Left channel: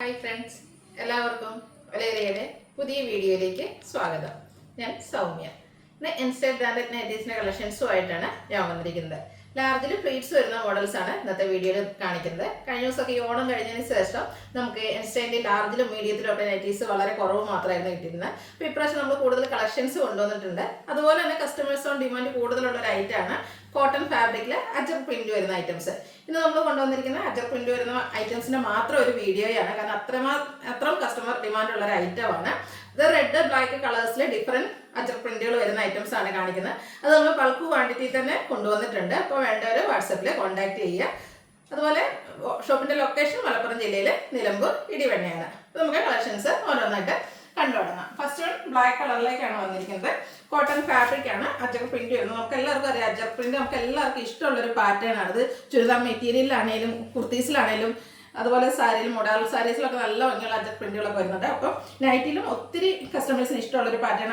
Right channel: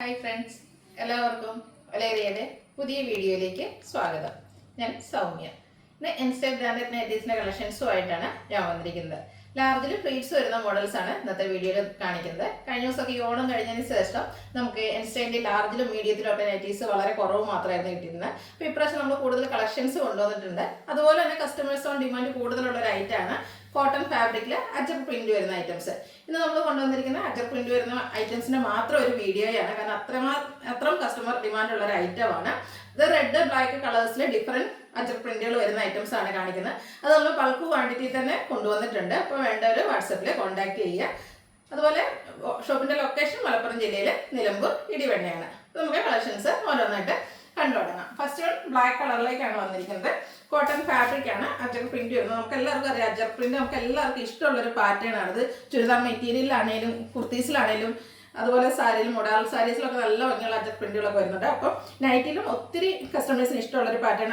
Hi friends, എല്ലാവർക്കും വലേറിയയുടെ പുതിയ വീഡിയോയിലേക്ക് സ്വാഗതം. ഞാൻ സൗമ്യ. ഇന്ന് എൻസ്റ്റൈൽ ബ്രാൻഡഡ് നൈറ്റീസിൻ്റെ കളക്ഷൻസുമായിട്ടാണ് ഞാൻ വന്നിരിക്കുന്നത്. ലാർജിൽ പ്ലീറ്റ്സ് വരുന്ന മോഡൽസാണ് ഇന്നത്തെ വീഡിയോയിൽ കാണിക്കുന്നത്. കഴിഞ്ഞ ദിവസമൊക്കെ ഈ ഓണം കഴിഞ്ഞതിന് ശേഷം നമുക്ക് എൻസ്റ്റൈലിൻ്റെ ലാർജിലും മീഡിയത്തിലും ഒക്കെ നൈറ്റീസ് വളരെ കുറവ് മാത്രമായിരുന്നു കിട്ടിയിരുന്നത്. അപ്പോൾ ഇപ്രാവശ്യം നമ്മൾ കൂടുതൽ കളക്ഷൻസ് കൊണ്ടുവന്നിട്ടുണ്ട്. അതുപോലെ തന്നെ കസ്റ്റമേഴ്സ് ഓൺ ഡിമാൻഡ് കൂടുതലുള്ള ഒരു ഐറ്റമാണ് കോട്ടൺ ഫാബ്രിക്കിൽ അജർ പ്രിന്റ് വരുന്ന ഐറ്റംസ്. ഇന്ന് നമ്മൾ കൊണ്ടുവന്നിരിക്കുന്ന അജർ പ്രിന്റ് വരുന്ന ഐറ്റംസിന്റെ മാത്രം ഒരു വീഡിയോയാണ്, കാരണം അത്രയും കസ്റ്റമർ ഡിമാൻഡ് ഉള്ള ഒരു ഐറ്റമാണ് ഇത്. റെഡ് ബ്ലാക്ക് കളേഴ്സിൽ ഡിഫറെന്റ് അജർ പ്രിന്റുകൾ വരുന്ന ഐറ്റംസ് ആണ് കാണിക്കുന്നത്. അത് നമ്മൾ ബൾക്ക് ക്വാണ്ടിറ്റി തന്നെ കൊണ്ടുവന്നിട്ടുണ്ട്. അപ്പോൾ വേണ്ടവർ വാട്സപ്പിൽ കോൺടാക്ട് ചെയ്യുക. അതുപോലെ ഷോപ്പിന്റെ ലൊക്കേഷൻ മലപ്പുറം ജില്ലയിലെ നിലമ്പൂർ ഇടിവെണ്ണയാണ്. അപ്പോൾ നമുക്ക് കളക്ഷൻസ് ഓരോന്നായിട്ട് കണ്ടുതുടങ്ങാം. ഫസ്റ്റ് വൺ ബ്ലാക്ക് കളറിലേക്കാണ് വന്നിരിക്കുന്നത്. കോട്ടൺ ഫാബ്രിക് ആണ്, അജർ പ്രിന്റ് വരുന്നത്. നമുക്ക് എല്ലാവർക്കും അറിയാം, അജർ പ്രിന്റ് നമുക്ക് എല്ലാവർക്കും ഇഷ്ടമുള്ളൊരു പാറ്റേൺ ആണ്. അത് ചുരിദാർ മെറ്റീരിയലിലാണെങ്കിലും കുർത്തീസിലാണെങ്കിലും അതുപോലെ സാരിയിലും മോഡൽ സാരീസിലൊക്കെ നല്ല ഭംഗിയുള്ള അജർ പ്രിന്റുകളൊക്കെ വരുന്നുണ്ട്. അപ്പം നൈറ്റിലും ഒത്തിരി കസ്റ്റമേഴ്സിന് ഇഷ്ടമുള്ളൊരു പാറ്റേൺ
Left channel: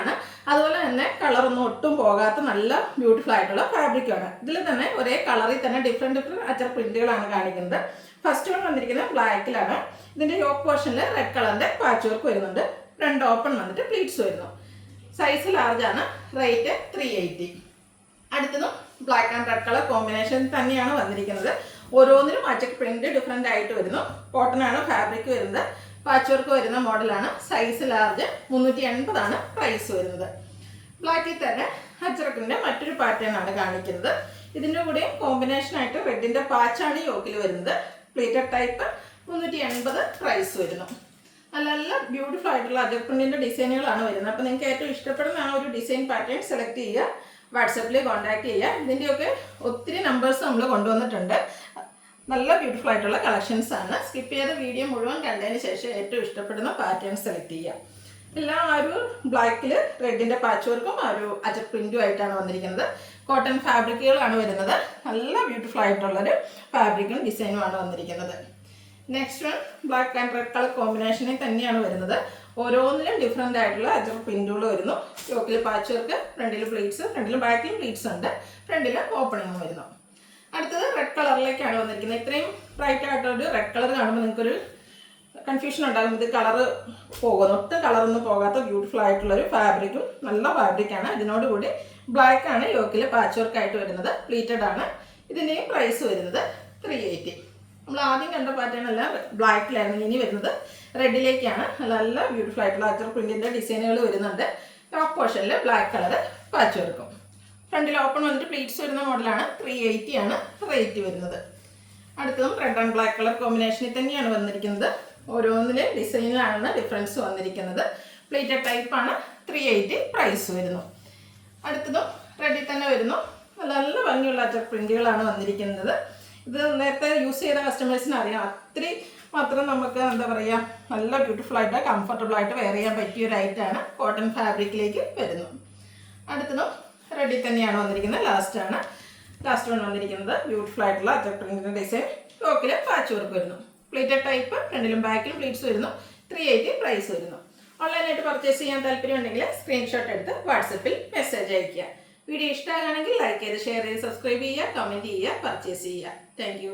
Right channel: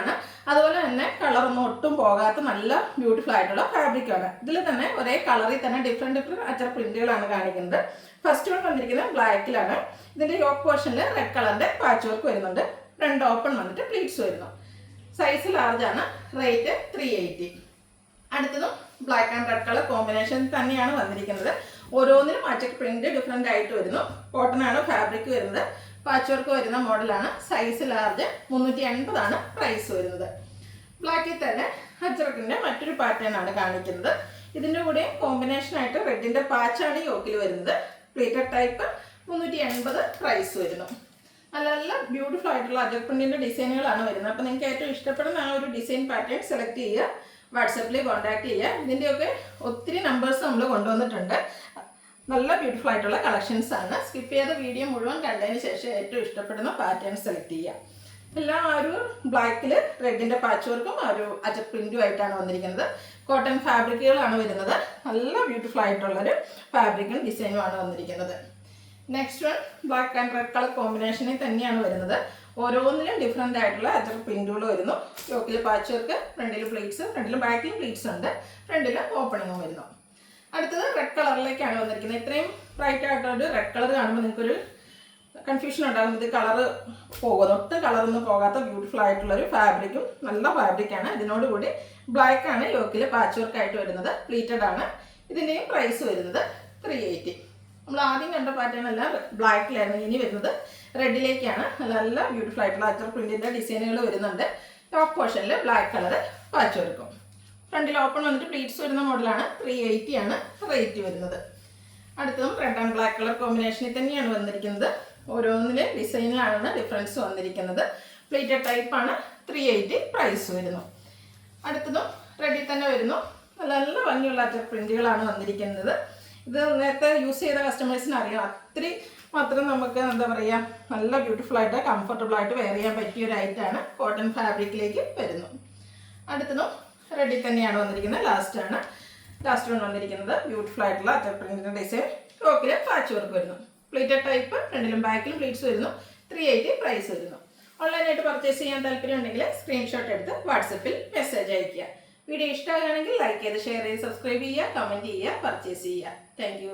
ആണ്. അതുപോലെ തന്നെ കളറൊന്നും ഒട്ടും പോകാത്ത നല്ല ബ്യൂട്ടിഫുൾ ആയിട്ടുള്ള ഫാബ്രിക്കാണ്. ഇതിൽ തന്നെ ഒരേ കളറിൽ തന്നെ ഡിഫറെൻറ്റ് അജർ പ്രിന്റുകളാണ് കാണിക്കുന്നത്. ഫസ്റ്റ് വൺ വന്നിരിക്കുന്നത് ബ്ലാക്കിലാണ്. ഇതിന്റെ യോക്ക് പോർഷനിൽ റെഡ് കളറിന്റെ പാച്ച് വർക്ക് വരുന്നുണ്ട്. രണ്ട് ഓപ്പൺ വന്നിട്ട് പ്ലീറ്റ്സ് വരുന്നു. സൈസ് ലാർജ് ആണ്. റേറ്റ് 380. അടുത്തതും black and red colour combination തന്നെയാണ് വന്നിരിക്കുന്നത്. ഓരോന്നിനും അജർ പ്രിന്റ് ഡിഫറെന്റ് ആയിട്ട് വരുന്നു. കോട്ടൺ ആണ് ഫാബ്രിക് വരുന്നത്. പാച്ച് വർക്ക് വരുന്ന മോഡലാണ്. സൈസ് ലാർജ് 380 ആണ് പ്രൈസ് വരുന്നത്. ബ്ലാക്കിൽ തന്നെ അജറക്കിന്റെ മറ്റൊരു പാറ്റേൺ ആണ് കാണിക്കുന്നത്. ഇതിന്റെ കൂടെ കോമ്പിനേഷൻ ആയിട്ട് റെഡിന്റെ പാച്ചാണ് യോക്കിൽ വരുന്നത്. പ്ലീറ്റഡ് ടൈപ്പ് 380 പ്രൈസ് വരുന്നു. നല്ല ബ്യൂട്ടിഫുൾ ആയിട്ടുള്ള അജർ പ്രിന്റിന്റെ ഡിസൈനുകളാണ് വരുന്നത്. അപ്പോൾ നിങ്ങൾക്ക് ഏറ്റവും ഇഷ്ടപ്പെടുന്ന ആ ഒരു ഡിസൈൻ പാറ്റേൺ സെലക്ട് ചെയ്യുക, വാട്സപ്പിൽ കോൺടാക്ട് ചെയ്യുക. ഇതിൻ്റെയൊക്കെ ഒത്തിരി നമ്പേഴ്സ് നമ്മൾ കൊണ്ടുവന്നിട്ടുണ്ട്. നല്ല ബ്യൂട്ടിഫുൾ ആയിട്ടുള്ള കളക്ഷൻസ് ആണ്. സ്കിപ്പ് ചെയ്ത വീഡിയോ മുഴുവൻ കണ്ടതിന് ശേഷം ഏറ്റവും ഇഷ്ടപ്പെടുന്ന പാറ്റേൺ സെലക്ട് ചെയ്യുക. എല്ലാം ആ ഒരു ബ്ലാക്കിൽ റെഡിന്റെ പാച്ച് വർക്കും ആ ഒരു അജർ പ്രിന്റും ആയിട്ടാണ് വന്നിരിക്കുന്നത്. കോട്ടൺ ഫാബ്രിക്കുകളാണ് വരുന്നത്. നല്ല ബ്യൂട്ടിഫുൾ ആയിട്ടുള്ളൊരു ഫാബ്രിക്കും ഡിസൈനുമാണ് വന്നിരിക്കുന്നത്. Next one black and red colour കോമ്പിനേഷനിൽ തന്നെയാണ് വരുന്നത്. ഓരോന്നിനും ഡിഫറെൻ്റ് ആയിട്ടുള്ള അജർ പ്രിന്റുകൾ വരുന്നു. യോക്കിൽ പാച്ച് വർക്ക്, ഫ്രണ്ടിൽ പ്ലീറ്റ്സ്, ഫ്രണ്ടിലും ബാക്കിലും പ്ലീറ്റ്സ് ഉണ്ട്, ഫ്രണ്ടിൽ ഓപ്പണിങ്ങും വരുന്നു. അടുത്തത് റെഡ് കളറിലേക്കാണ് വന്നിരിക്കുന്നത്. ഇത്രയും ബ്രൈറ്റ് ആയിട്ടൊരു റെഡ് കളർ കാണുമ്പോൾ നിങ്ങൾക്കൊരു കൺഫ്യൂഷൻ ഉണ്ടാകും, ഇത് കളറ് പോകുന്നു. ഒട്ടും കളറൊന്നും പോകാത്ത ബ്യൂട്ടിഫുൾ ആയിട്ടുള്ളൊരു ഫാബ്രിക്കും നല്ല ഫാബ്രിക്കാണ്. ഇതിനോടുകൂടി ബ്ലാക്ക് ആണ് യോക്കിൽ പാച്ച് വർക്ക് ആയിട്ട് വരുന്നത്. പ്ലീറ്റഡ് ആണ്. ഇതിൻ്റെയും പ്രൈസ് വരുന്നത് 380. നമ്മൾ ആദ്യം കണ്ട പാറ്റേൺ എല്ലാം ബ്ലാക്കിലായിരുന്നു. ഇനി വരുന്നത് റെഡിലേക്കാണ്. നല്ല ബ്യൂട്ടിഫുൾ ആയിട്ടുള്ള അജർ പ്രിന്റിന്റെ ഡിസൈനുകൾ വരുന്നുണ്ട്. ടോപ്പ് പോർഷനിൽ ബ്ലാക്ക് കളർ പാച്ച് വർക്കും. ഫ്രണ്ടിൽ ഓപ്പൺ വന്നിട്ട് പ്ലീറ്റ്സ് വരുന്ന മോഡലാണ്. 380 ആണ് റേറ്റ് വരുന്നത്. അടുത്തതും റെഡ് ആൻഡ് ബ്ലാക്ക് കളർ കോമ്പിനേഷനിൽ തന്നെയാണ് വന്നിരിക്കുന്നത്. ഓരോന്നിലെ ഡിസൈനിലാണ് ഡിഫറൻസ് വന്നിരിക്കുന്നത്. പ്ലേറ്റഡ് ടൈപ്പാണ്. 380 പ്രൈസ് വരുന്നു. അടുത്തതും റെഡിൽ തന്നെ വരുന്നു. നല്ല ഭംഗിയുള്ള അജർ പ്രിന്റുകളാണ് വന്നിരിക്കുന്നത്. ഇത് നേരത്തെ യൂസ് ചെയ്ത കസ്റ്റമേഴ്സിന് അറിയാം, അത്രയും മാത്രം നമുക്ക് എന്താ പറയുക, നല്ല ബ്യൂട്ടിഫുൾ ആയിട്ട് കംഫർട്ടബിൾ ആയിട്ട് വെയർ ചെയ്യാൻ പറ്റിയ ഒരു ഐറ്റാണ്. കോട്ടൺ ഫാബ്രിക്കിലേക്ക് വരുന്നു. അടുത്തതും റെഡിൽ തന്നെയാണ് വന്നിരിക്കുന്നത്. ലാസ്റ്റ് വൺ വന്നിരിക്കുന്നത് ബ്യൂട്ടിഫുൾ ആയിട്ടുള്ള അജർ പ്രിന്റിന്റെ ഡിസൈൻ. യോക്കിൽ പാച്ച് വർക്ക് വരുന്നു. പ്ലേറ്റഡ് ടൈപ്പ്, ഫ്രണ്ടിലും ബാക്കിലും പ്ലീറ്റ്സ് വരുന്നു. 380 പ്രൈസ് വരുന്നു. ഓൺലൈനായിട്ട് പർച്ചേസ് ചെയ്യാൻ താല്പര്യമുണ്ടെങ്കിൽ സ്ക്രീൻഷോട്ട് എടുത്ത് വാട്സപ്പിൽ മെസ്സേജ് അയയ്ക്കുക. വീഡിയോ ഇഷ്ടമാണെങ്കിൽ ലൈക്ക് ചെയ്ത് ഷെയർ ചെയ്ത് സബ്സ്ക്രൈബ് ചെയ്യുക, കമൻറ്റ് ചെയ്യുക, പർച്ചേസ് ചെയ്യുക. താങ്ക്